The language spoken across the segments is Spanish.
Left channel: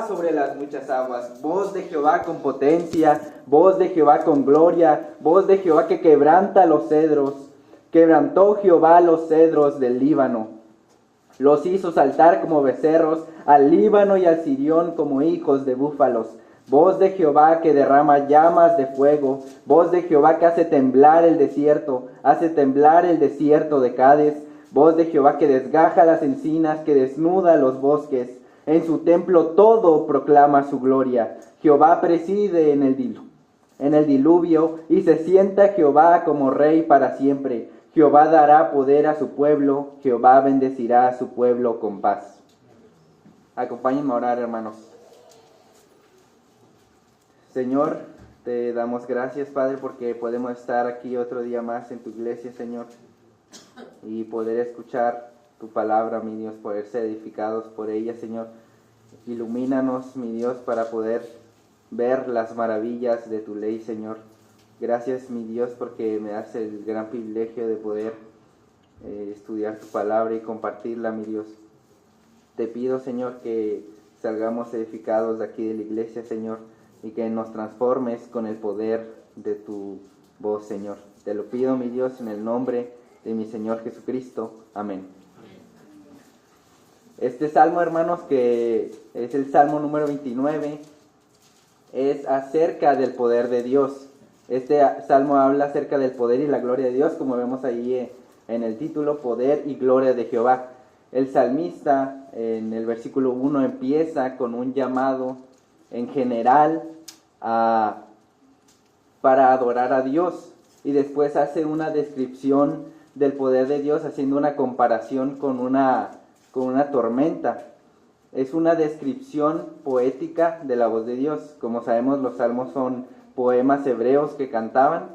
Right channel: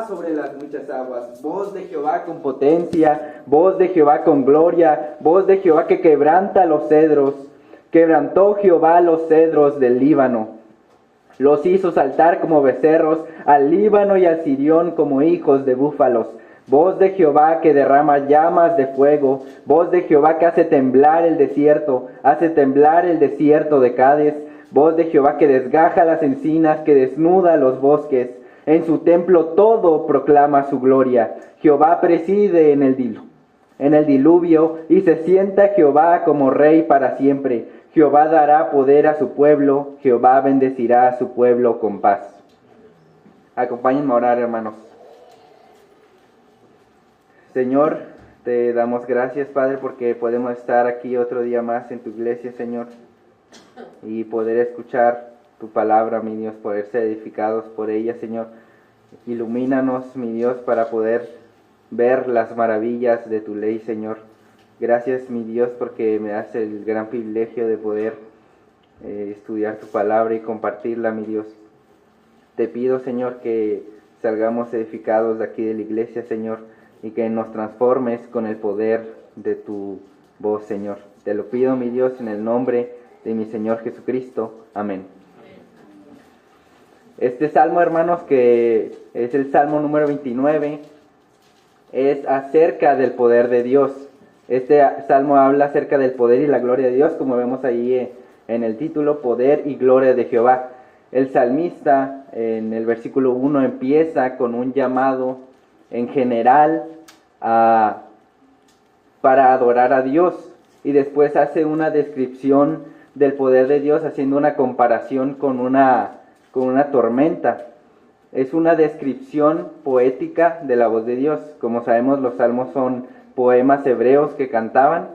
Jehová sobre las muchas aguas, voz de Jehová con potencia, voz de Jehová con gloria, voz de Jehová que quebranta los cedros. Quebrantó Jehová los cedros del Líbano, los hizo saltar como becerros, al Líbano y al Sirión como hijos de búfalos. Voz de Jehová que derrama llamas de fuego, voz de Jehová que hace temblar el desierto de Cades. Voz de Jehová que desgaja las encinas, que desnuda los bosques. En su templo todo proclama su gloria. Jehová preside en el diluvio, y se sienta Jehová como rey para siempre. Jehová dará poder a su pueblo, Jehová bendecirá a su pueblo con paz. Acompáñenme a orar, hermanos. Señor, te damos gracias, Padre, porque podemos estar aquí otro día más en tu iglesia, Señor, y poder escuchar tu palabra, mi Dios, poder ser edificados por ella, Señor. Ilumínanos, mi Dios, para poder ver las maravillas de tu ley, Señor. Gracias, mi Dios, porque me das el gran privilegio de poder estudiar tu palabra y compartirla, mi Dios. Te pido, Señor, que salgamos edificados de aquí de la iglesia, Señor, y que nos transformes con el poder de tu voz, Señor. Te lo pido, mi Dios, en el nombre de mi Señor Jesucristo. Amén. Este salmo, hermanos, que es el salmo número 29, es acerca del poder de Dios. Este salmo habla acerca del poder y la gloria de Dios, como vemos ahí en el título, poder y gloria de Jehová. El salmista en el versículo 1 empieza con un llamado en general para adorar a Dios, y después hace una descripción del poder de Dios haciendo una comparación con una tormenta. Es una descripción poética de la voz de Dios. Como sabemos, los salmos son poemas hebreos que cantaban,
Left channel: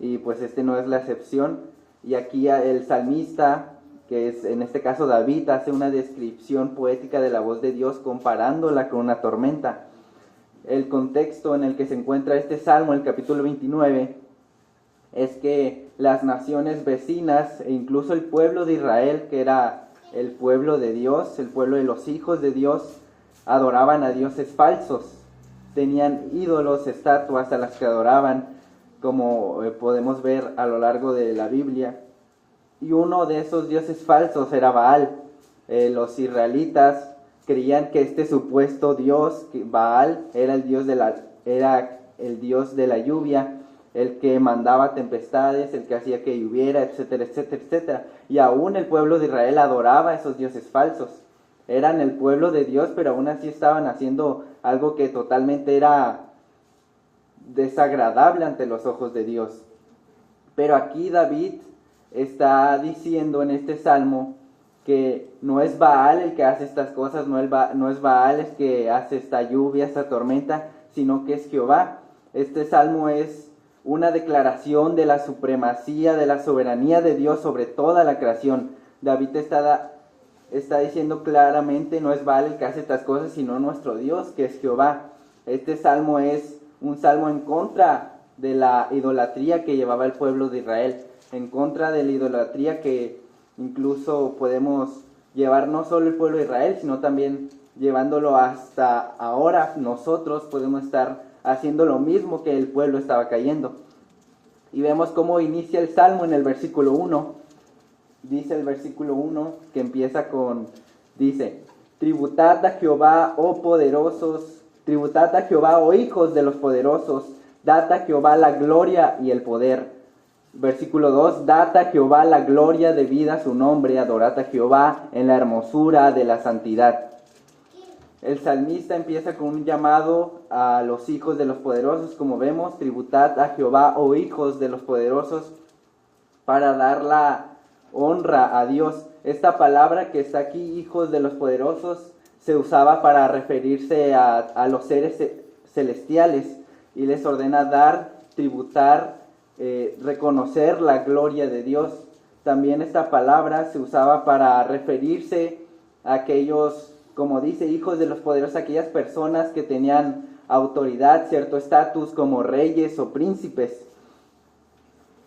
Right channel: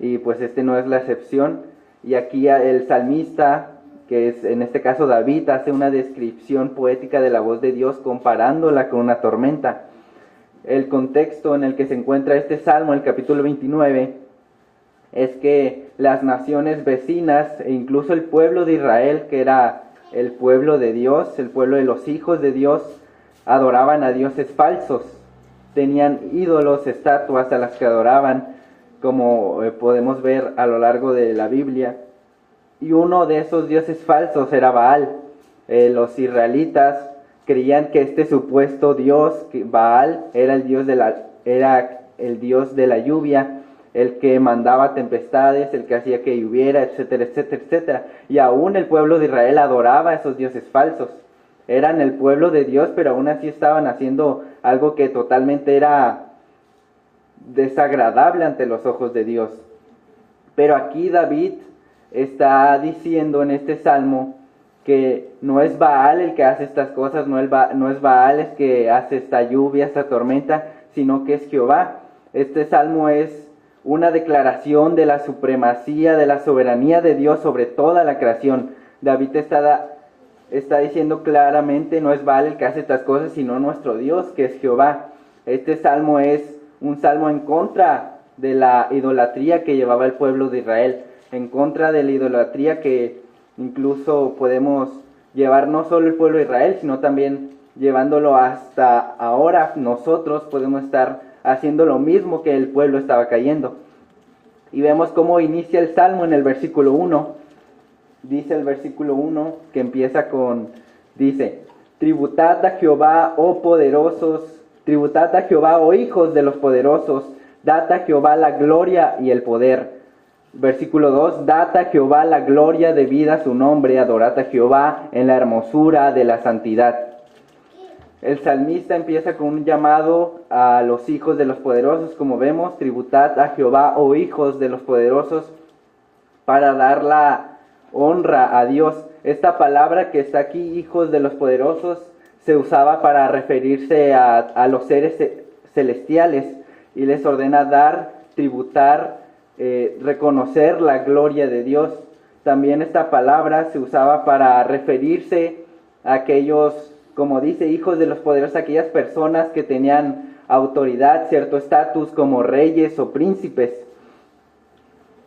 y pues este no es la excepción. Y aquí el salmista, que es en este caso David, hace una descripción poética de la voz de Dios comparándola con una tormenta. El contexto en el que se encuentra este salmo, el capítulo 29, es que las naciones vecinas e incluso el pueblo de Israel, que era el pueblo de Dios, el pueblo de los hijos de Dios, adoraban a dioses falsos. Tenían ídolos, estatuas a las que adoraban, como podemos ver a lo largo de la Biblia. Y uno de esos dioses falsos era Baal. Los israelitas creían que este supuesto dios, Baal, era el dios de la lluvia, el que mandaba tempestades, el que hacía que lloviera, etcétera, etcétera, etcétera. Y aún el pueblo de Israel adoraba a esos dioses falsos. Eran el pueblo de Dios, pero aún así estaban haciendo algo que totalmente era desagradable ante los ojos de Dios. Pero aquí David está diciendo en este salmo que no es Baal el que hace estas cosas, no es Baal el que hace esta lluvia, esta tormenta, sino que es Jehová. Este salmo es una declaración de la supremacía, de la soberanía de Dios sobre toda la creación. David está diciendo claramente, no es Baal el que hace estas cosas, sino nuestro Dios, que es Jehová. Este salmo es un salmo en contra de la idolatría que llevaba el pueblo de Israel, en contra de la idolatría que incluso podemos llevar no solo el pueblo de Israel, sino también llevándolo hasta ahora. Nosotros podemos estar haciendo lo mismo que el pueblo estaba cayendo. Y vemos cómo inicia el salmo en el versículo 1. Dice el versículo 1 que empieza dice: tributad a Jehová, oh poderosos, tributad a Jehová, oh hijos de los poderosos, dad a Jehová la gloria y el poder. Versículo 2, dad a Jehová la gloria debida a su nombre, adorad a Jehová en la hermosura de la santidad. El salmista empieza con un llamado a los hijos de los poderosos, como vemos, tributad a Jehová, oh hijos de los poderosos, para dar la honra a Dios. Esta palabra que está aquí, hijos de los poderosos, se usaba para referirse a los seres celestiales, y les ordena dar, tributar, reconocer la gloria de Dios. También esta palabra se usaba para referirse a aquellos, como dice, hijos de los poderosos, aquellas personas que tenían autoridad, cierto estatus, como reyes o príncipes.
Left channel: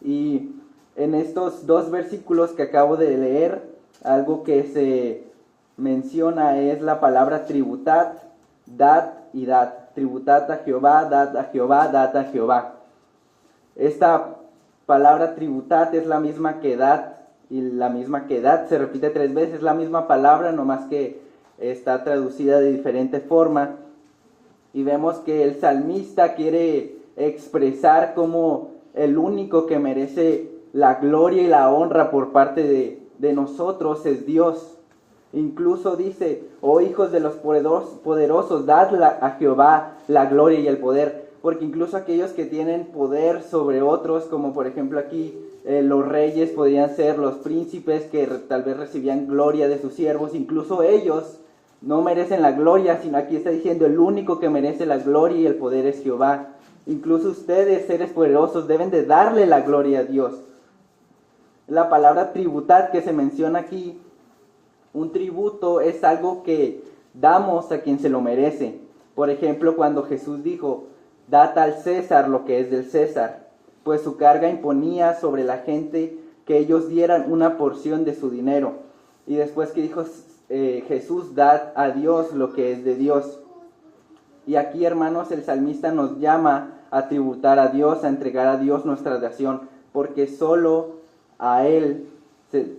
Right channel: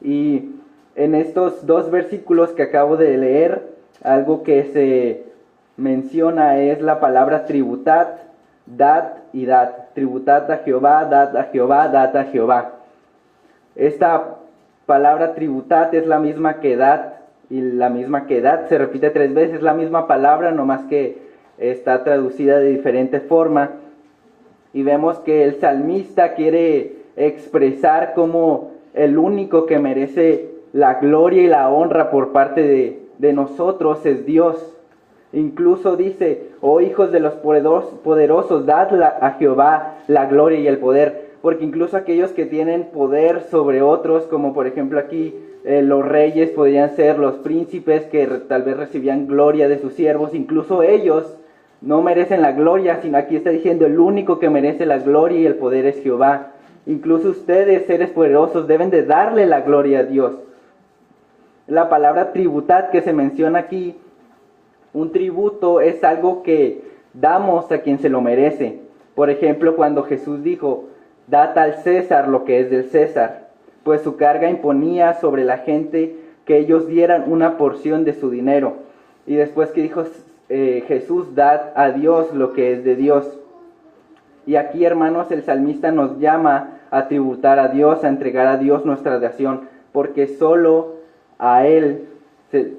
Y en estos dos versículos que acabo de leer, algo que se menciona es la palabra tributad. dad y dad. Tributad a Jehová, dad a Jehová, dad a Jehová. Esta palabra tributad es la misma que dad, y la misma que dad se repite 3 veces, la misma palabra, nomás que está traducida de diferente forma. Y vemos que el salmista quiere expresar como el único que merece la gloria y la honra por parte de nosotros es Dios. Incluso dice, oh hijos de los poderosos, dad a Jehová la gloria y el poder. Porque incluso aquellos que tienen poder sobre otros, como por ejemplo aquí los reyes podrían ser los príncipes que tal vez recibían gloria de sus siervos, incluso ellos no merecen la gloria, sino aquí está diciendo el único que merece la gloria y el poder es Jehová. Incluso ustedes, seres poderosos, deben de darle la gloria a Dios. La palabra tributad que se menciona aquí, un tributo es algo que damos a quien se lo merece. Por ejemplo, cuando Jesús dijo, dad al César lo que es del César, pues su carga imponía sobre la gente que ellos dieran una porción de su dinero. Y después que dijo Jesús, dad a Dios lo que es de Dios. Y aquí, hermanos, el salmista nos llama a tributar a Dios, a entregar a Dios nuestra adoración, porque solo a Él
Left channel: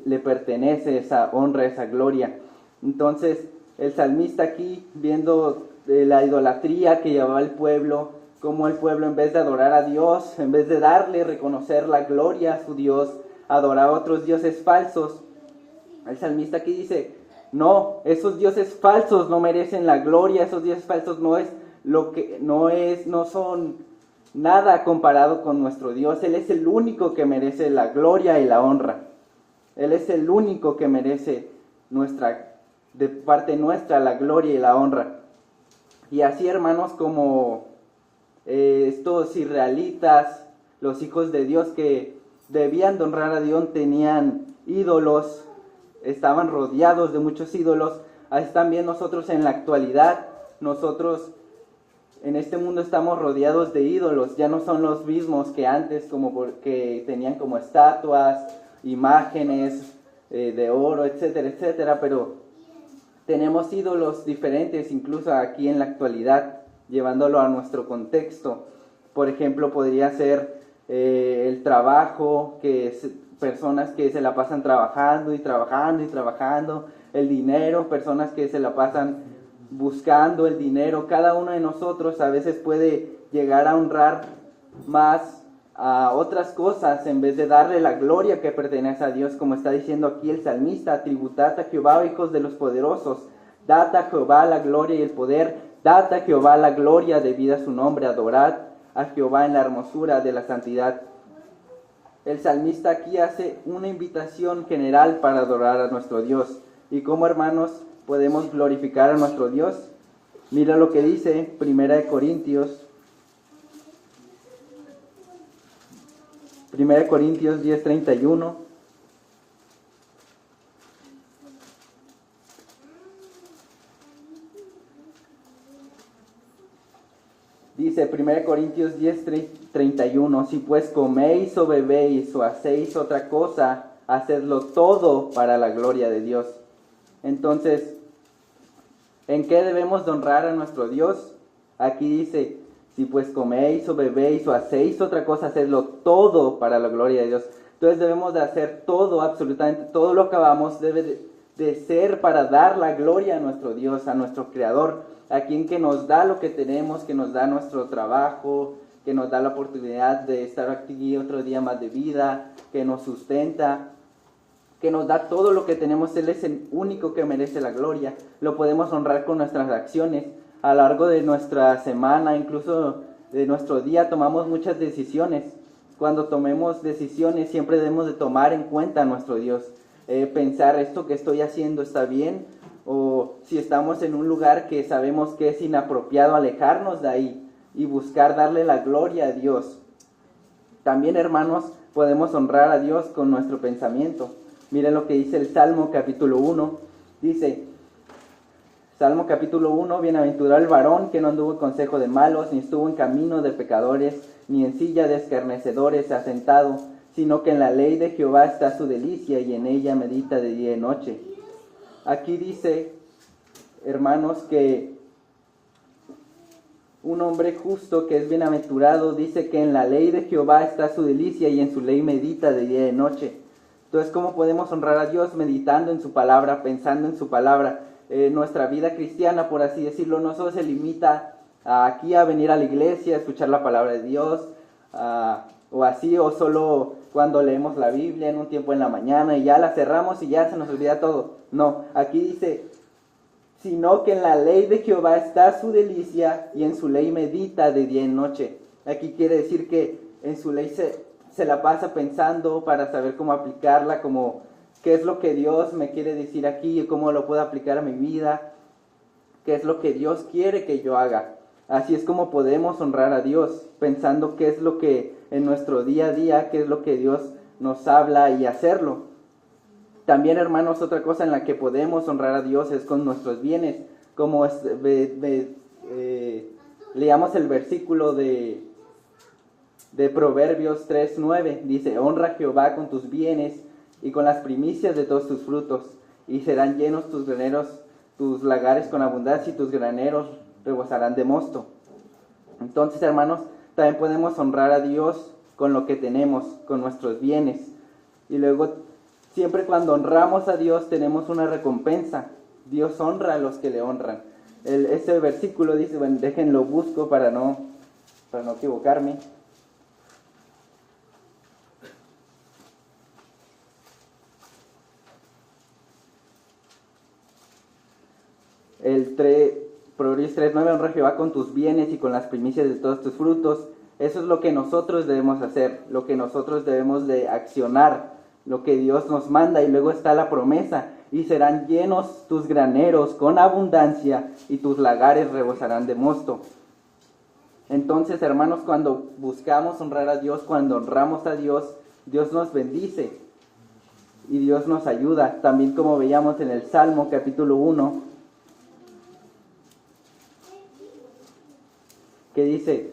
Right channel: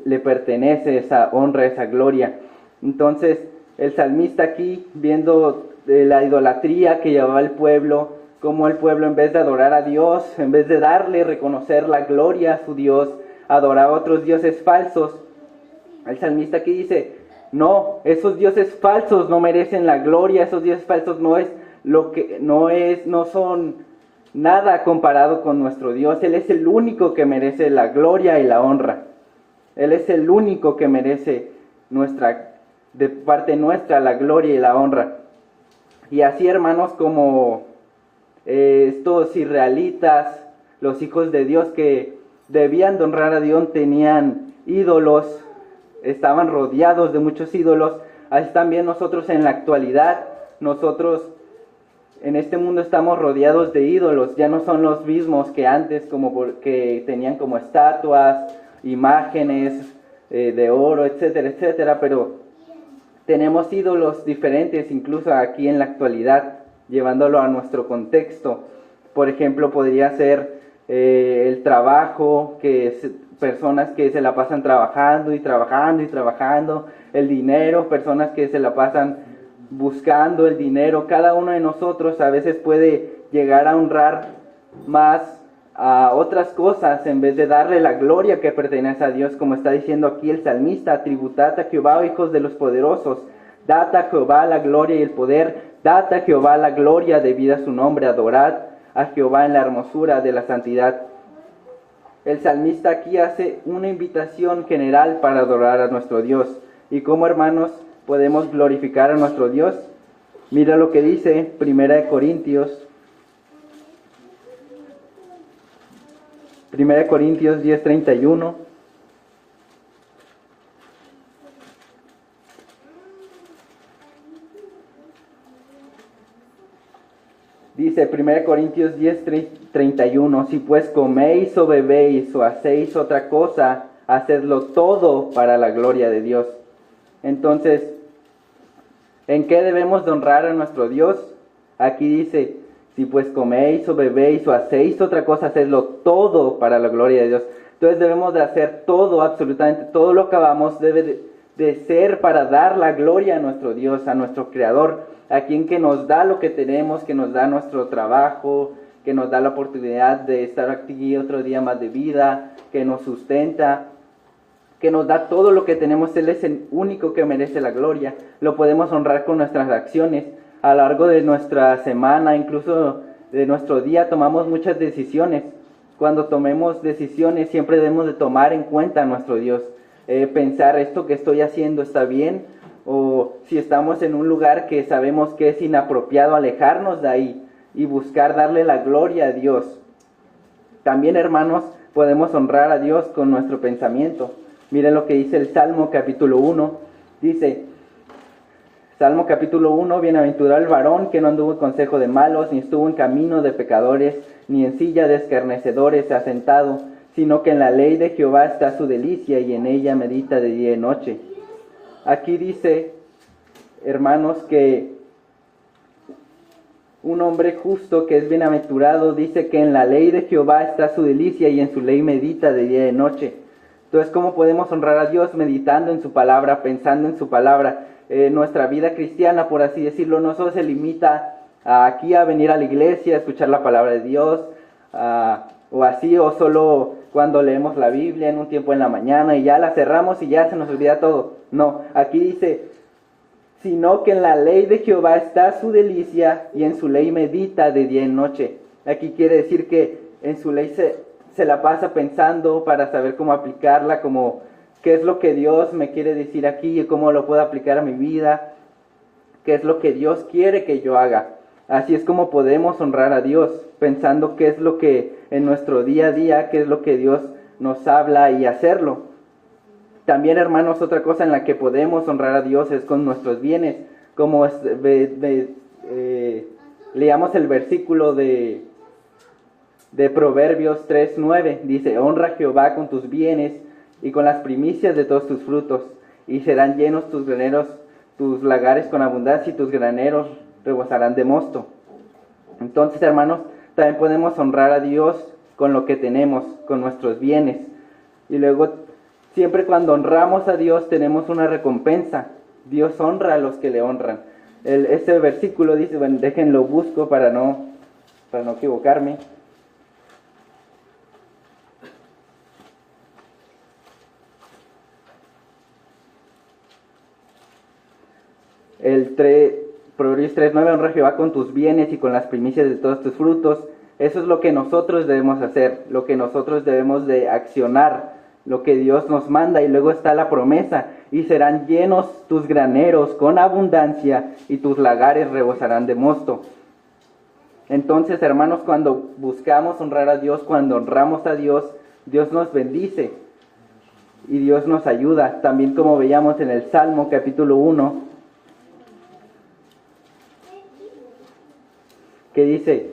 le pertenece esa honra, esa gloria. Entonces, el salmista aquí, viendo la idolatría que llevaba el pueblo, como el pueblo en vez de adorar a Dios, en vez de darle, reconocer la gloria a su Dios, adoraba a otros dioses falsos. El salmista aquí dice, no, esos dioses falsos no merecen la gloria, esos dioses falsos no son nada comparado con nuestro Dios. Él es el único que merece la gloria y la honra. Él es el único que merece de parte nuestra la gloria y la honra. Y así, hermanos, como estos israelitas, los hijos de Dios que debían de honrar a Dios, tenían ídolos, estaban rodeados de muchos ídolos. Así también nosotros en la actualidad, nosotros en este mundo estamos rodeados de ídolos. Ya no son los mismos que antes, que tenían como estatuas, imágenes de oro, etcétera, etcétera, pero tenemos ídolos diferentes incluso aquí en la actualidad, llevándolo a nuestro contexto. Por ejemplo, podría ser el trabajo, personas que se la pasan trabajando y trabajando y trabajando, el dinero, personas que se la pasan buscando el dinero. Cada uno de nosotros a veces puede llegar a honrar más a otras cosas en vez de darle la gloria que pertenece a Dios, como está diciendo aquí el salmista, tributad a Jehová, oh hijos de los poderosos, dad a Jehová la gloria y el poder, dad a Jehová la gloria debida a su nombre, adorad a Jehová en la hermosura de la santidad. El salmista aquí hace una invitación general para adorar a nuestro Dios. ¿Y cómo, hermanos, podemos glorificar a nuestro Dios? Mira lo que dice 1 Corintios 10:31. Dice 1 Corintios 10:31, si pues coméis o bebéis o hacéis otra cosa, hacedlo todo para la gloria de Dios. Entonces, ¿en qué debemos de honrar a nuestro Dios? Aquí dice, si pues coméis o bebéis o hacéis otra cosa, hacedlo todo para la gloria de Dios. Entonces debemos de hacer todo, absolutamente todo lo que hagamos debe de ser para dar la gloria a nuestro Dios, a nuestro Creador, a quien que nos da lo que tenemos, que nos da nuestro trabajo, que nos da la oportunidad de estar aquí otro día más de vida, que nos sustenta, que nos da todo lo que tenemos. Él es el único que merece la gloria. Lo podemos honrar con nuestras acciones. A lo largo de nuestra semana, incluso de nuestro día, tomamos muchas decisiones. Cuando tomemos decisiones, siempre debemos de tomar en cuenta a nuestro Dios. Pensar, ¿esto que estoy haciendo está bien? O si estamos en un lugar que sabemos que es inapropiado, alejarnos de ahí y buscar darle la gloria a Dios. También, hermanos, podemos honrar a Dios con nuestro pensamiento. Miren lo que dice el Salmo capítulo 1. Dice, Salmo capítulo 1, bienaventurado el varón que no anduvo en consejo de malos, ni estuvo en camino de pecadores, ni en silla de escarnecedores se ha sentado, sino que en la ley de Jehová está su delicia, y en ella medita de día y noche. Aquí dice, hermanos, que un hombre justo que es bienaventurado, dice que en la ley de Jehová está su delicia y en su ley medita de día y de noche. Entonces, ¿cómo podemos honrar a Dios? Meditando en su palabra, pensando en su palabra. Nuestra vida cristiana, por así decirlo, no solo se limita aquí a venir a la iglesia, a escuchar la palabra de Dios, o así, o solo cuando leemos la Biblia en un tiempo en la mañana y ya la cerramos y ya se nos olvida todo. No, aquí dice, sino que en la ley de Jehová está su delicia y en su ley medita de día y noche. Aquí quiere decir que en su ley se la pasa pensando para saber cómo aplicarla, como qué es lo que Dios me quiere decir aquí y cómo lo puedo aplicar a mi vida, qué es lo que Dios quiere que yo haga. Así es como podemos honrar a Dios, pensando qué es lo que en nuestro día a día, qué es lo que Dios nos habla y hacerlo. También, hermanos, otra cosa en la que podemos honrar a Dios es con nuestros bienes, como leamos el versículo de Proverbios 3:9, dice, honra a Jehová con tus bienes y con las primicias de todos tus frutos, y serán llenos tus graneros, tus lagares con abundancia, y tus graneros rebosarán de mosto. Entonces, hermanos, también podemos honrar a Dios con lo que tenemos, con nuestros bienes. Y luego, siempre cuando honramos a Dios tenemos una recompensa. Dios honra a los que le honran. Ese versículo dice, bueno, déjenlo busco para no equivocarme. Proverbios 3:9, honra a Jehová con tus bienes y con las primicias de todos tus frutos. Eso es lo que nosotros debemos hacer, lo que nosotros debemos de accionar, lo que Dios nos manda. Y luego está la promesa, y serán llenos tus graneros con abundancia y tus lagares rebosarán de mosto. Entonces, hermanos, cuando buscamos honrar a Dios, cuando honramos a Dios, Dios nos bendice y Dios nos ayuda. También, como veíamos en el Salmo capítulo 1, que dice,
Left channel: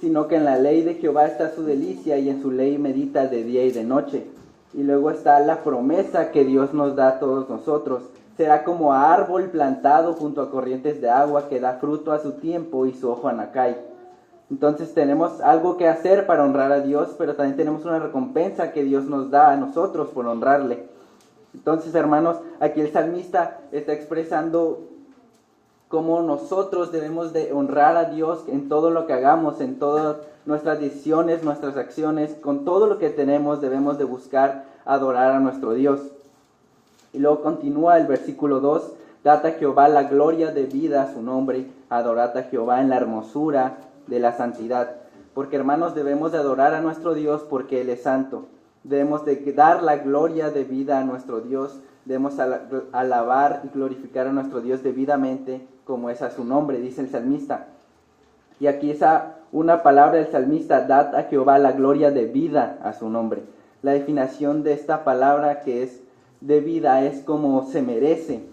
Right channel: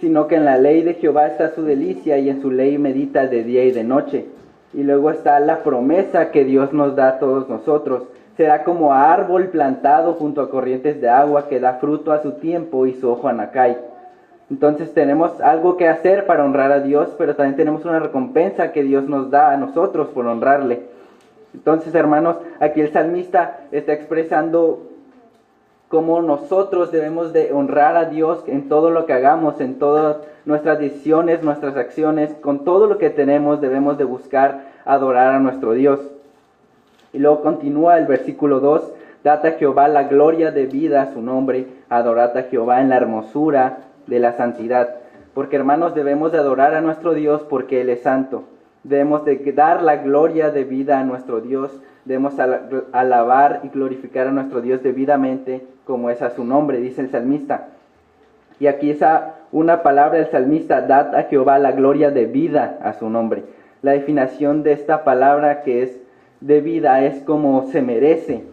sino que en la ley de Jehová está su delicia y en su ley medita de día y de noche. Y luego está la promesa que Dios nos da a todos nosotros. Será como árbol plantado junto a corrientes de agua que da fruto a su tiempo y su hoja no cae. Entonces tenemos algo que hacer para honrar a Dios, pero también tenemos una recompensa que Dios nos da a nosotros por honrarle. Entonces, hermanos, aquí el salmista está expresando cómo nosotros debemos de honrar a Dios en todo lo que hagamos, en todas nuestras decisiones, nuestras acciones, con todo lo que tenemos debemos de buscar adorar a nuestro Dios. Y luego continúa el versículo 2, dad a Jehová la gloria de vida a su nombre, adorad a Jehová en la hermosura de la santidad. Porque, hermanos, debemos de adorar a nuestro Dios porque Él es santo. Debemos de dar la gloria de vida a nuestro Dios. Debemos alabar y glorificar a nuestro Dios debidamente, como es a su nombre, dice el salmista. Y aquí está una palabra del salmista, dad a Jehová la gloria de vida a su nombre. La definición de esta palabra que es de vida es como se merece.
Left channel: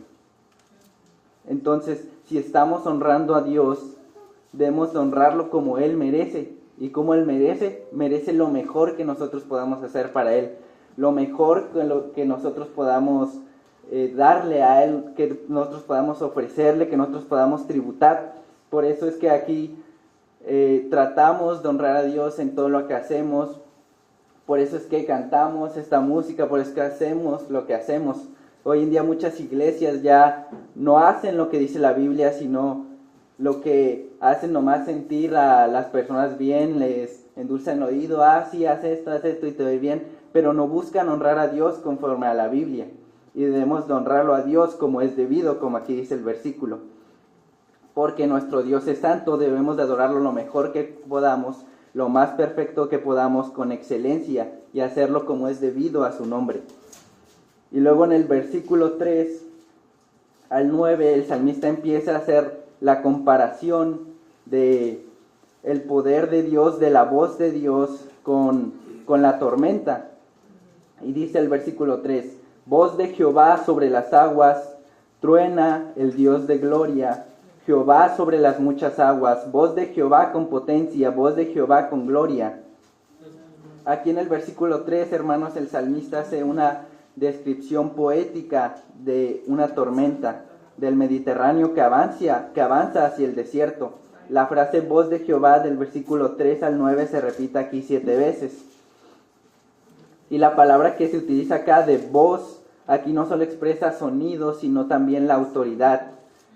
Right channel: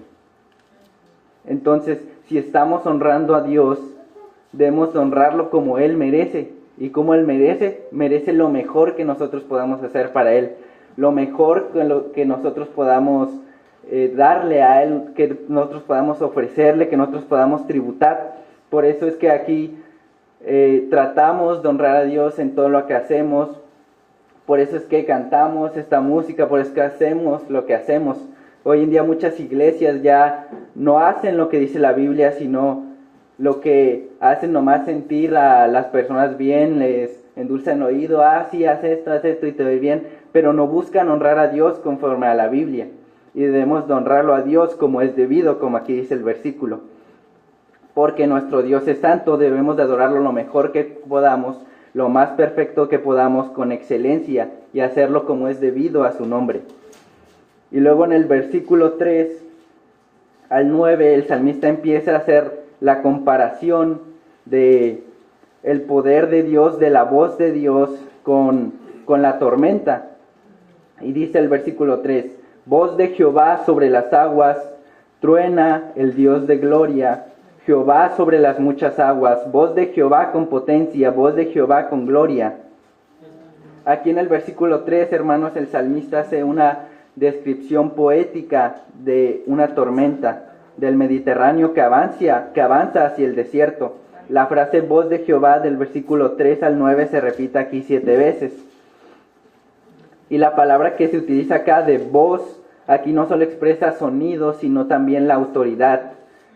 Entonces, si estamos honrando a Dios, debemos honrarlo como Él merece. Y como Él merece lo mejor que nosotros podamos hacer para Él. Lo mejor que nosotros podamos darle a Él, que nosotros podamos ofrecerle, que nosotros podamos tributar. Por eso es que aquí tratamos de honrar a Dios en todo lo que hacemos. Por eso es que cantamos esta música, por eso es que hacemos lo que hacemos. Hoy en día muchas iglesias ya no hacen lo que dice la Biblia, sino lo que hacen nomás sentir a las personas bien, les endulzan el oído, sí, haz esto y te doy bien, pero no buscan honrar a Dios conforme a la Biblia. Y debemos de honrarlo a Dios como es debido, como aquí dice el versículo. Porque nuestro Dios es santo, debemos de adorarlo lo mejor que podamos, lo más perfecto que podamos, con excelencia, y hacerlo como es debido a su nombre. Y luego en el versículo 3 al 9, el salmista empieza a hacer la comparación de el poder de Dios, de la voz de Dios con la tormenta. Y dice el versículo 3, voz de Jehová sobre las aguas, truena el Dios de gloria, Jehová sobre las muchas aguas, voz de Jehová con potencia, voz de Jehová con gloria. Aquí en el versículo 3, hermanos, el salmista hace una descripción poética de una tormenta del Mediterráneo que avanza hacia el desierto. La frase voz de Jehová del versículo 3 al 9 se repite aquí 7 veces. Y la palabra que se utiliza acá de voz, aquí no solo expresa sonido, sino también la autoridad.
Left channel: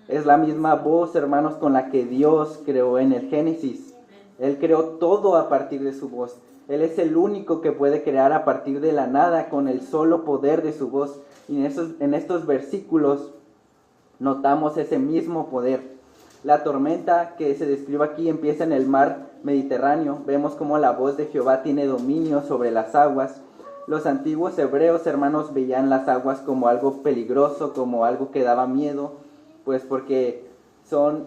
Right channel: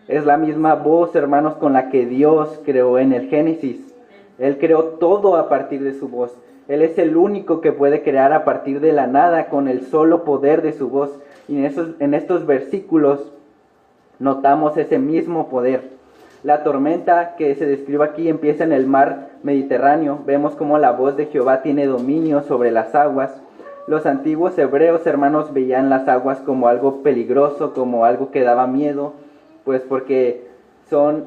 Es la misma voz, hermanos, con la que Dios creó en el Génesis. Él creó todo a partir de su voz. Él es el único que puede crear a partir de la nada con el solo poder de su voz. Y en estos versículos notamos ese mismo poder. La tormenta que se describe aquí empieza en el mar Mediterráneo. Vemos cómo la voz de Jehová tiene dominio sobre las aguas. Los antiguos hebreos, hermanos, veían las aguas como algo peligroso, como algo que daba miedo, pues porque son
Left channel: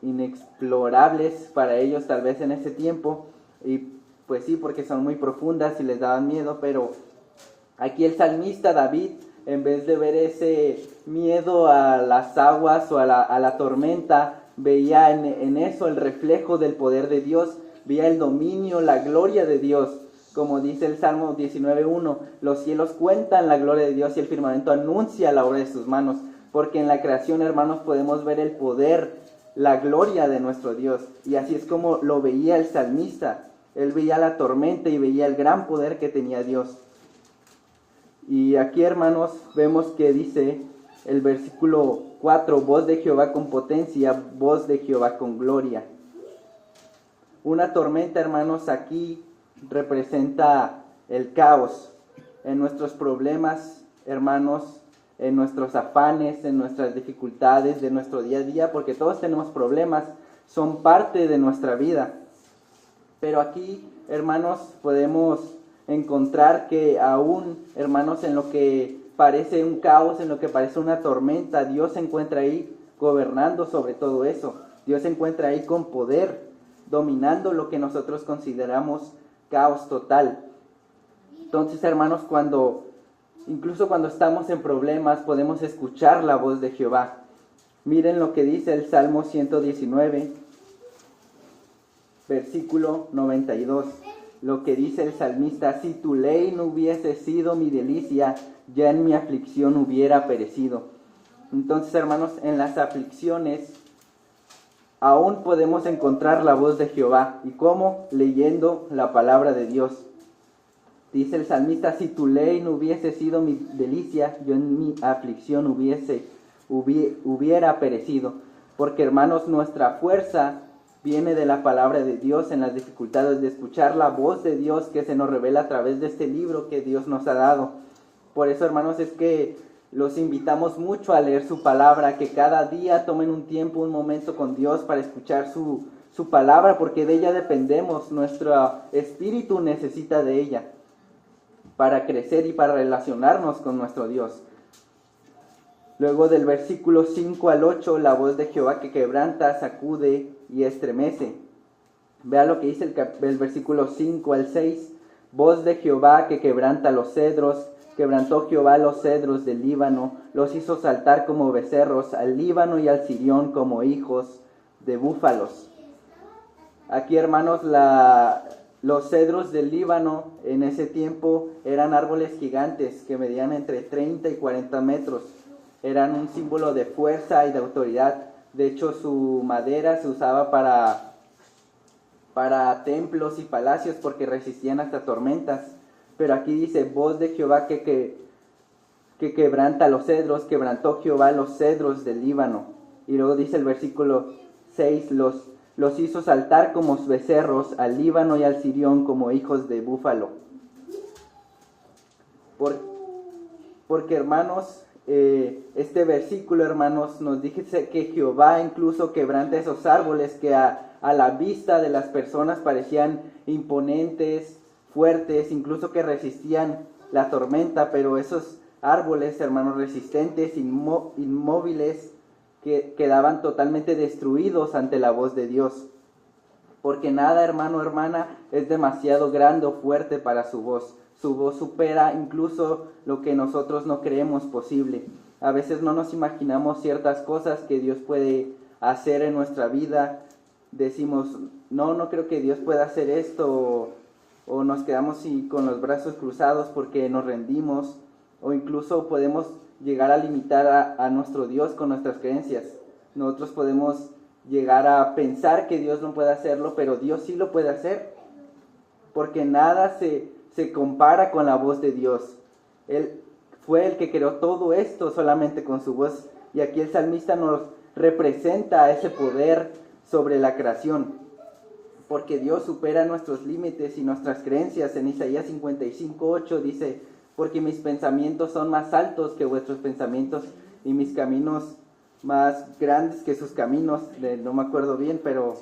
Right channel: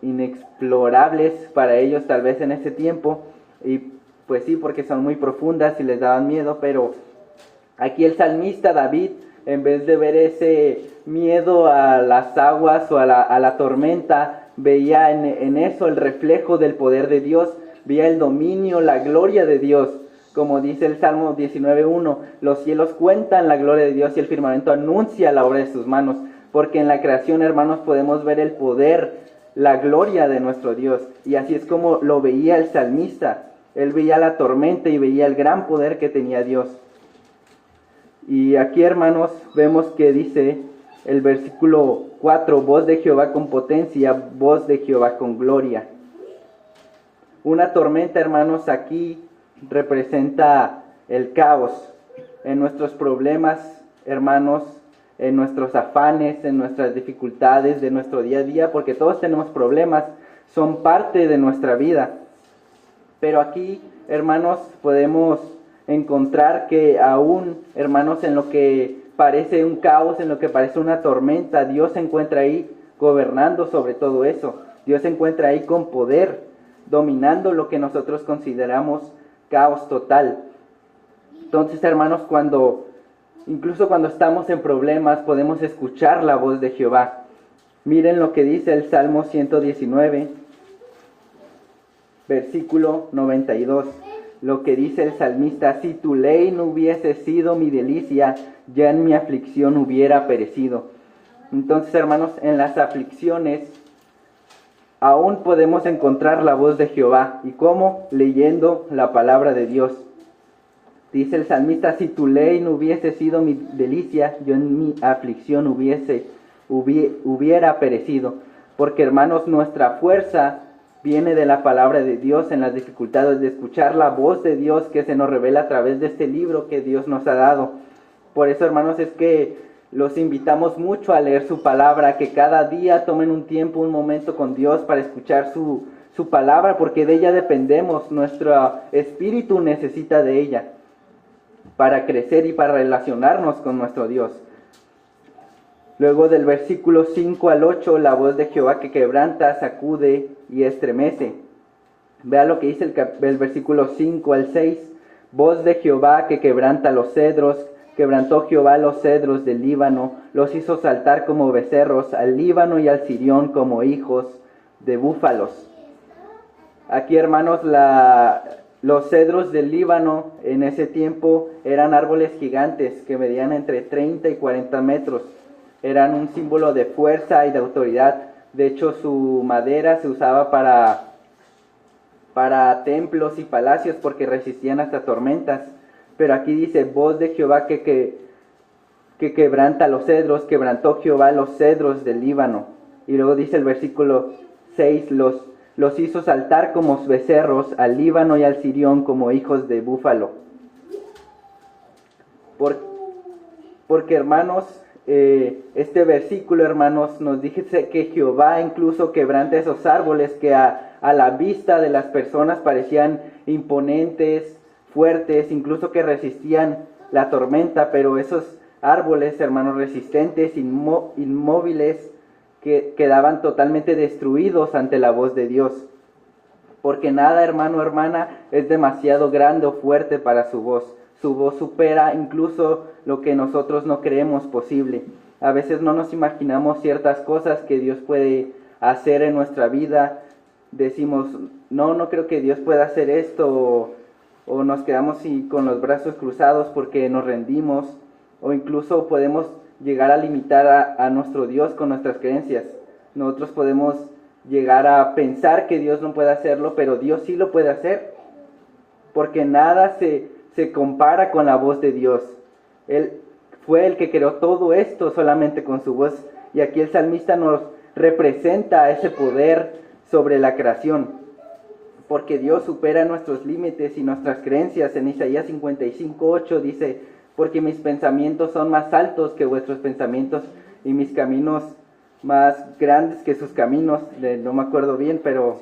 inexplorables para ellos tal vez en ese tiempo, y pues sí, porque son muy profundas y les daban miedo. Pero aquí el salmista David, en vez de ver ese miedo a las aguas o a la tormenta, veía en eso el reflejo del poder de Dios, veía el dominio, la gloria de Dios. Como dice el Salmo 19:1, los cielos cuentan la gloria de Dios y el firmamento anuncia la obra de sus manos. Porque en la creación, hermanos, podemos ver el poder, la gloria de nuestro Dios. Y así es como lo veía el salmista. Él veía la tormenta y veía el gran poder que tenía Dios. Y aquí, hermanos, vemos que dice el versículo 4, voz de Jehová con potencia, voz de Jehová con gloria. Una tormenta, hermanos, aquí representa el caos en nuestros problemas, hermanos, en nuestros afanes, en nuestras dificultades de nuestro día a día, porque todos tenemos problemas, son parte de nuestra vida. Pero aquí, hermanos, podemos encontrar que aún, hermanos, en lo que parece un caos, en lo que parece una tormenta, Dios se encuentra ahí gobernando sobre todo eso. Dios se encuentra ahí con poder, dominando lo que nosotros consideramos caos total. Entonces, hermanos, incluso cuando estamos en problemas, podemos escuchar la voz de Jehová. Miren lo que dice el Salmo 119, versículo 92. Lo que dice el salmista: si tu ley no hubiese sido mi delicia, ya en mi aflicción hubiera perecido. Entonces, hermanos, en las aflicciones aún podemos encontrar la voz de Jehová. ¿Y cómo? Leyendo la palabra de Dios. Dice el salmista: si tu ley no hubiese sido mi delicia, yo en mi aflicción hubiera perecido. Porque, hermanos, nuestra fuerza viene de la palabra de Dios en las dificultades, de escuchar la voz de Dios que se nos revela a través de este libro que Dios nos ha dado. Por eso, hermanos, es que los invitamos mucho a leer su palabra, que cada día tomen un tiempo, un momento con Dios para escuchar su palabra, porque de ella dependemos. Nuestro espíritu necesita de ella para crecer y para relacionarnos con nuestro Dios. Luego del versículo 5 al 8, la voz de Jehová que quebranta, sacude y estremece. Vea lo que dice el versículo 5 al 6. Voz de Jehová que quebranta los cedros. Quebrantó Jehová los cedros del Líbano, los hizo saltar como becerros, al Líbano y al Sirión como hijos de búfalos. Aquí, hermanos, los cedros del Líbano en ese tiempo eran árboles gigantes que medían entre 30 y 40 metros. Eran un símbolo de fuerza y de autoridad. De hecho, su madera se usaba para templos y palacios porque resistían hasta tormentas. Pero aquí dice, voz de Jehová que quebranta los cedros, quebrantó Jehová los cedros del Líbano. Y luego dice el versículo 6, los hizo saltar como becerros, al Líbano y al Sirión como hijos de búfalo. Porque, hermanos, este versículo, hermanos, nos dice que Jehová incluso quebranta esos árboles que a la vista de las personas parecían imponentes, fuertes, incluso que resistían la tormenta, pero esos árboles, hermanos, resistentes, inmóviles, que quedaban totalmente destruidos ante la voz de Dios. Porque nada, hermano, hermana, es demasiado grande o fuerte para su voz. Su voz supera incluso lo que nosotros no creemos posible. A veces no nos imaginamos ciertas cosas que Dios puede hacer en nuestra vida. Decimos, no creo que Dios pueda hacer esto, o nos quedamos con los brazos cruzados porque nos rendimos, o incluso podemos llegar a limitar a nuestro Dios con nuestras creencias. Nosotros podemos llegar a pensar que Dios no puede hacerlo, pero Dios sí lo puede hacer, porque nada se compara con la voz de Dios. Él fue el que creó todo esto solamente con su voz, y aquí el salmista nos representa ese poder sobre la creación, porque Dios supera nuestros límites y nuestras creencias. En Isaías 55:8 dice: porque mis pensamientos son más altos que vuestros pensamientos, y mis caminos más grandes que sus caminos. No me acuerdo bien, pero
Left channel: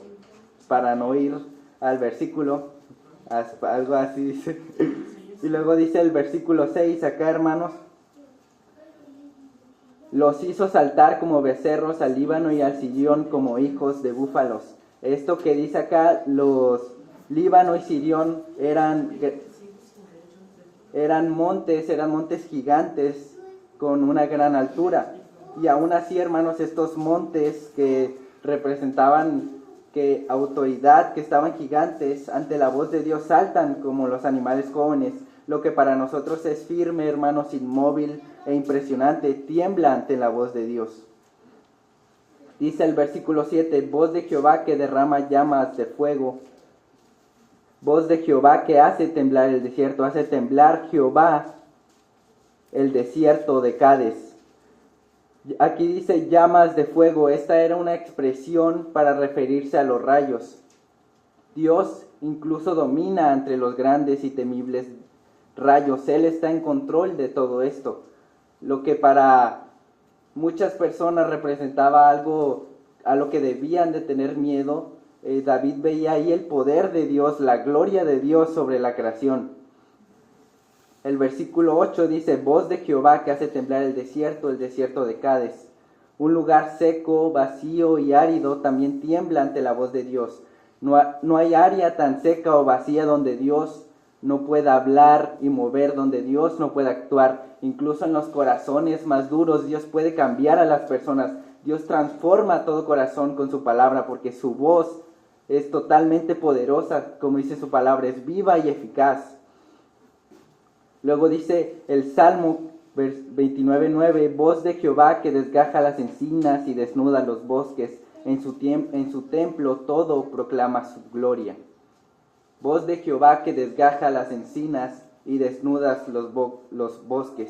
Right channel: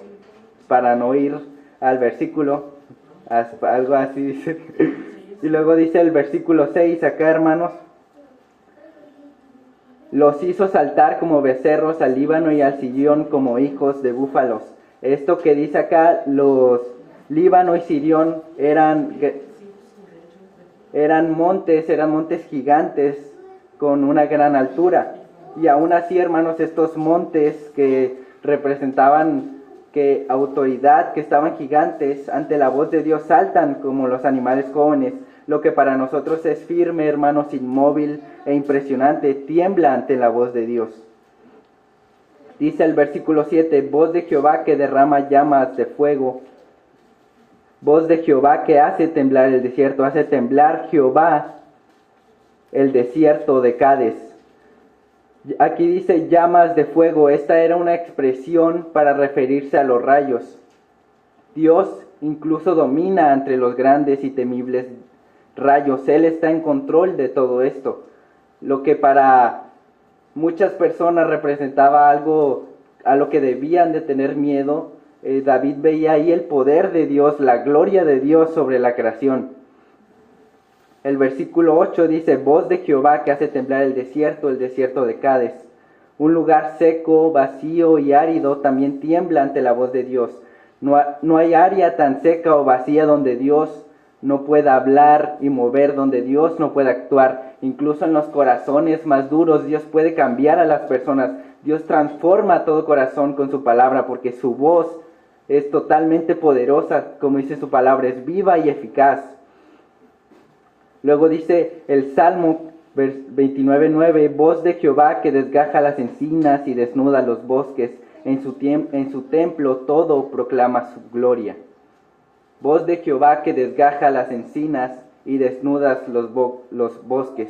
para no ir al versículo, algo así dice. Y luego dice el versículo 6 acá, hermanos: los hizo saltar como becerros al Líbano y al Sirión como hijos de búfalos. Esto que dice acá, los Líbano y Sirión eran montes gigantes con una gran altura. Y aún así, hermanos, estos montes que representaban que autoridad, que estaban gigantes, ante la voz de Dios saltan como los animales jóvenes. Lo que para nosotros es firme, hermanos, inmóvil e impresionante, tiembla ante la voz de Dios. Dice el versículo 7: voz de Jehová que derrama llamas de fuego. Voz de Jehová que hace temblar el desierto. Hace temblar Jehová el desierto de Cades. Aquí dice llamas de fuego. Esta era una expresión para referirse a los rayos. Dios incluso domina entre los grandes y temibles rayos. Él está en control de todo esto. Lo que para muchas personas representaba algo a lo que debían de tener miedo, David veía ahí el poder de Dios, la gloria de Dios sobre la creación. El versículo 8 dice: voz de Jehová que hace temblar el desierto de Cades. Un lugar seco, vacío y árido también tiembla ante la voz de Dios. No hay área tan seca o vacía donde Dios no pueda hablar y mover, donde Dios no pueda actuar. Incluso en los corazones más duros, Dios puede cambiar a las personas. Dios transforma todo corazón con su palabra, porque su voz es totalmente poderosa, como dice su palabra, es viva y eficaz. Luego dice el Salmo 29:9: voz de Jehová que desgaja las encinas y desnuda los bosques. En su templo todo proclama su gloria. Voz de Jehová que desgaja las encinas y desnudas los bosques.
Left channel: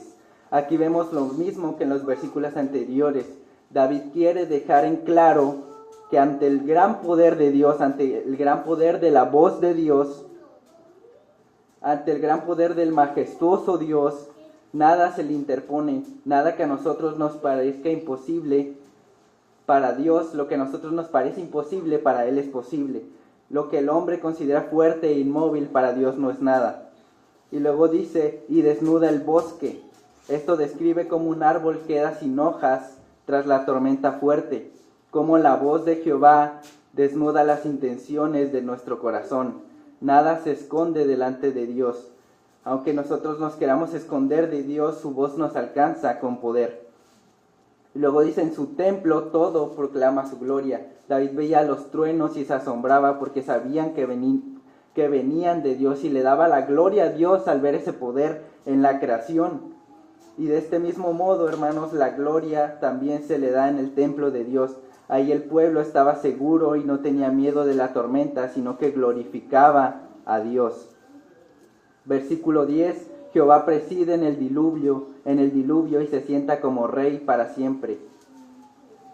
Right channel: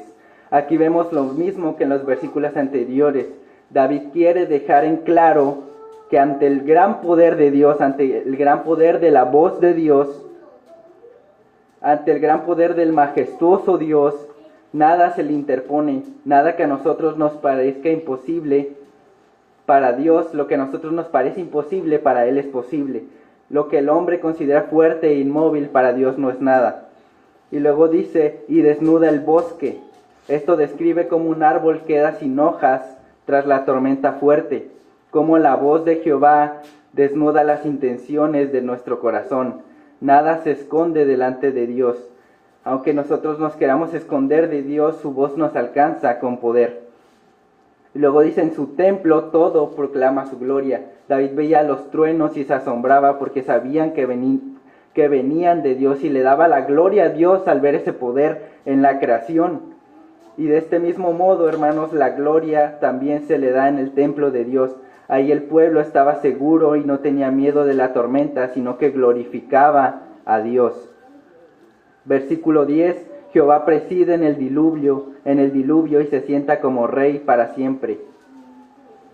Aquí vemos lo mismo que en los versículos anteriores. David quiere dejar en claro que ante el gran poder de Dios, ante el gran poder de la voz de Dios, ante el gran poder del majestuoso Dios, nada se le interpone, nada que a nosotros nos parezca imposible. Para Dios, lo que a nosotros nos parece imposible, para Él es posible. Lo que el hombre considera fuerte e inmóvil, para Dios no es nada. Y luego dice: y desnuda el bosque. Esto describe cómo un árbol queda sin hojas tras la tormenta fuerte, cómo la voz de Jehová desnuda las intenciones de nuestro corazón. Nada se esconde delante de Dios. Aunque nosotros nos queramos esconder de Dios, su voz nos alcanza con poder. Y luego dice: en su templo todo proclama su gloria. David veía los truenos y se asombraba porque sabían que venían de Dios, y le daba la gloria a Dios al ver ese poder en la creación. Y de este mismo modo, hermanos, la gloria también se le da en el templo de Dios. Ahí el pueblo estaba seguro y no tenía miedo de la tormenta, sino que glorificaba a Dios. Versículo 10: Jehová preside en el diluvio y se sienta como rey para siempre.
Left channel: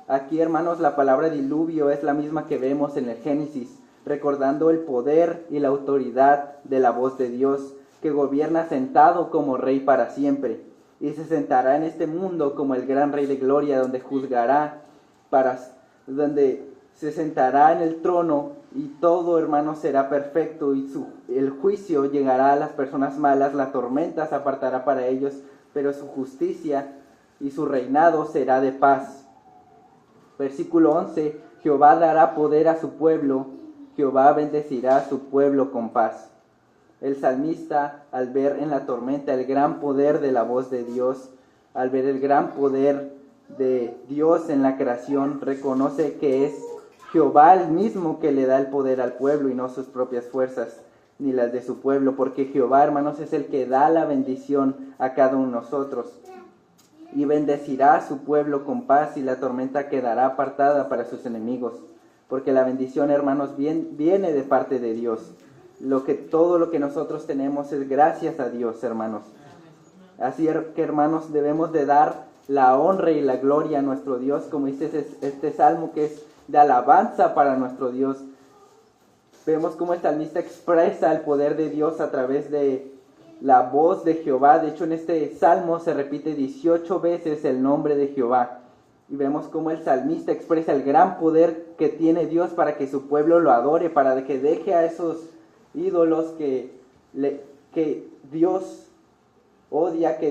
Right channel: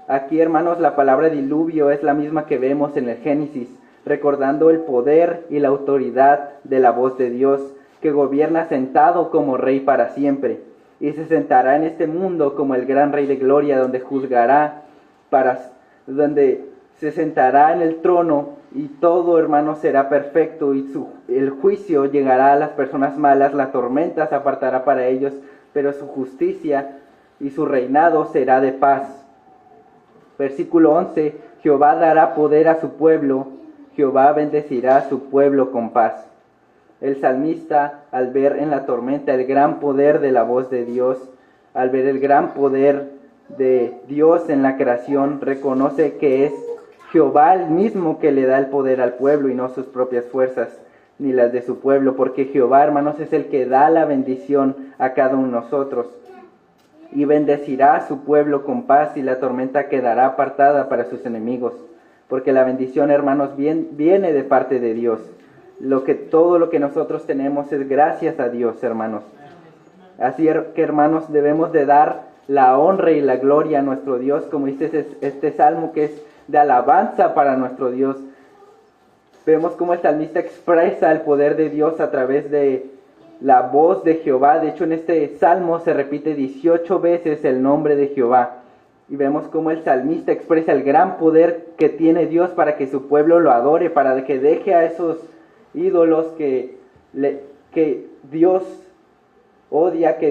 Aquí, hermanos, la palabra diluvio es la misma que vemos en el Génesis, recordando el poder y la autoridad de la voz de Dios, que gobierna sentado como rey para siempre, y se sentará en este mundo como el gran rey de gloria, donde donde se sentará en el trono, y todo, hermano, será perfecto, y el juicio llegará a las personas malas, la tormenta se apartará para ellos, pero su justicia y su reinado será de paz. Versículo 11: Jehová dará poder a su pueblo, Jehová bendecirá a su pueblo con paz. El salmista, al ver en la tormenta el gran poder de la voz de Dios, al ver el gran poder de Dios en la creación, reconoce que es Jehová el mismo que le da el poder al pueblo y no sus propias fuerzas ni las de su pueblo, porque Jehová, hermanos, es el que da la bendición a cada uno de nosotros. y bendecirá a su pueblo con paz, y la tormenta quedará apartada para sus enemigos. Porque la bendición, hermanos, viene de parte de Dios. Todo lo que nosotros tenemos es gracias a Dios, hermanos. Así que, hermanos, debemos de dar la honra y la gloria a nuestro Dios, como dice este salmo, que es de alabanza para nuestro Dios. Vemos cómo el salmista expresa el poder de Dios a través de la voz de Jehová. De hecho, en este salmo se repite 18 veces el nombre de Jehová. Y vemos cómo el salmista expresa el gran poder que tiene Dios para que su pueblo lo adore, para que deje a esos ídolos que Dios odia, que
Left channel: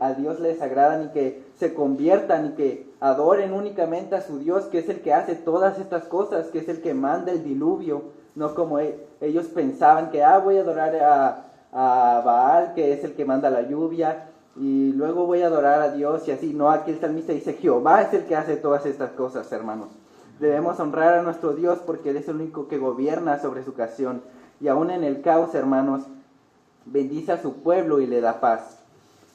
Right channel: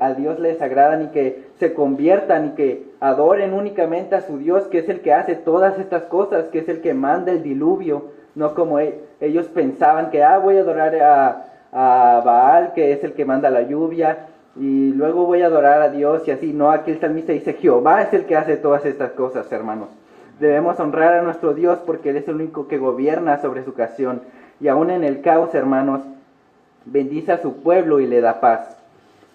a Dios les agradan, y que se conviertan y que adoren únicamente a su Dios, que es el que hace todas estas cosas, que es el que manda el diluvio, no como ellos pensaban que voy a adorar a Baal, que es el que manda la lluvia, y luego voy a adorar a Dios, y así. No, aquí el salmista dice, Jehová es el que hace todas estas cosas, hermanos. Debemos honrar a nuestro Dios porque Él es el único que gobierna sobre su creación. Y aún en el caos, hermanos, bendice a su pueblo y le da paz.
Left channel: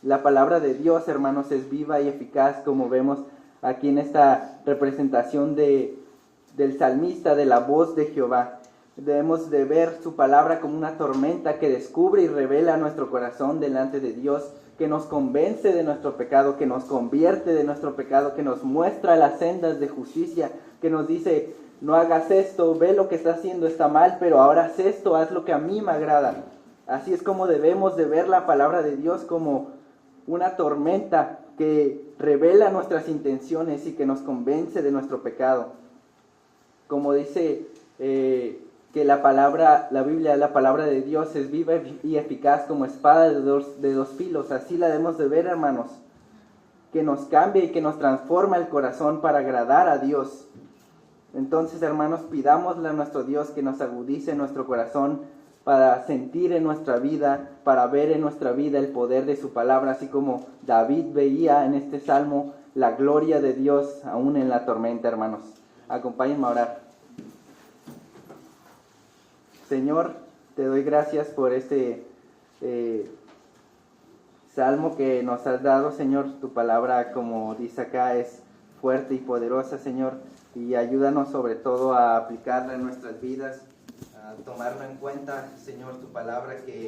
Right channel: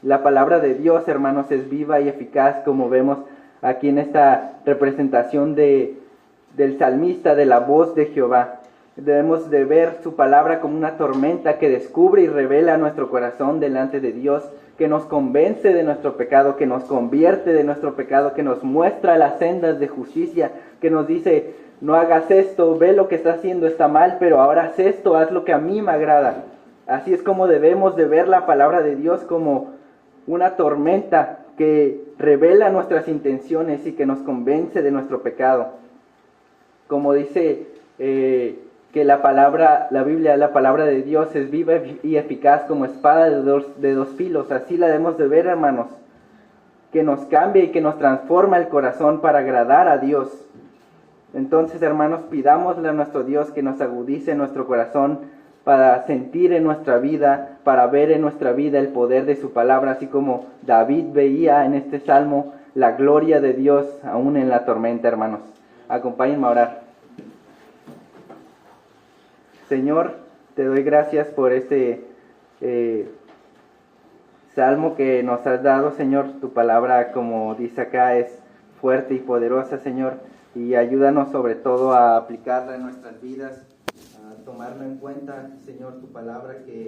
La palabra de Dios, hermanos, es viva y eficaz, como vemos aquí en esta representación del salmista, de la voz de Jehová. Debemos de ver su palabra como una tormenta que descubre y revela nuestro corazón delante de Dios, que nos convence de nuestro pecado, que nos convierte de nuestro pecado, que nos muestra las sendas de justicia, que nos dice, no hagas esto, ve lo que estás haciendo, está mal, pero ahora haz esto, haz lo que a mí me agrada. Así es como debemos de ver la palabra de Dios, como una tormenta que revela nuestras intenciones y que nos convence de nuestro pecado. Como dice que la Biblia, la palabra de Dios es viva y eficaz como espada de dos filos. Así la debemos de ver, hermanos, que nos cambia y que nos transforma el corazón para agradar a Dios. Entonces, hermanos, pidámosle a nuestro Dios que nos agudice nuestro corazón para sentir en nuestra vida, para ver en nuestra vida el poder de su palabra, así como David veía en este salmo la gloria de Dios aún en la tormenta, hermanos. Acompáñenme a orar. Señor, te doy gracias por este salmo que nos has dado, Señor. Tu palabra, como dice acá, es fuerte y poderosa, Señor, y ayúdanos sobre todo a aplicarla en nuestras vidas, a tomarlo en cuenta, Señor, tu palabra que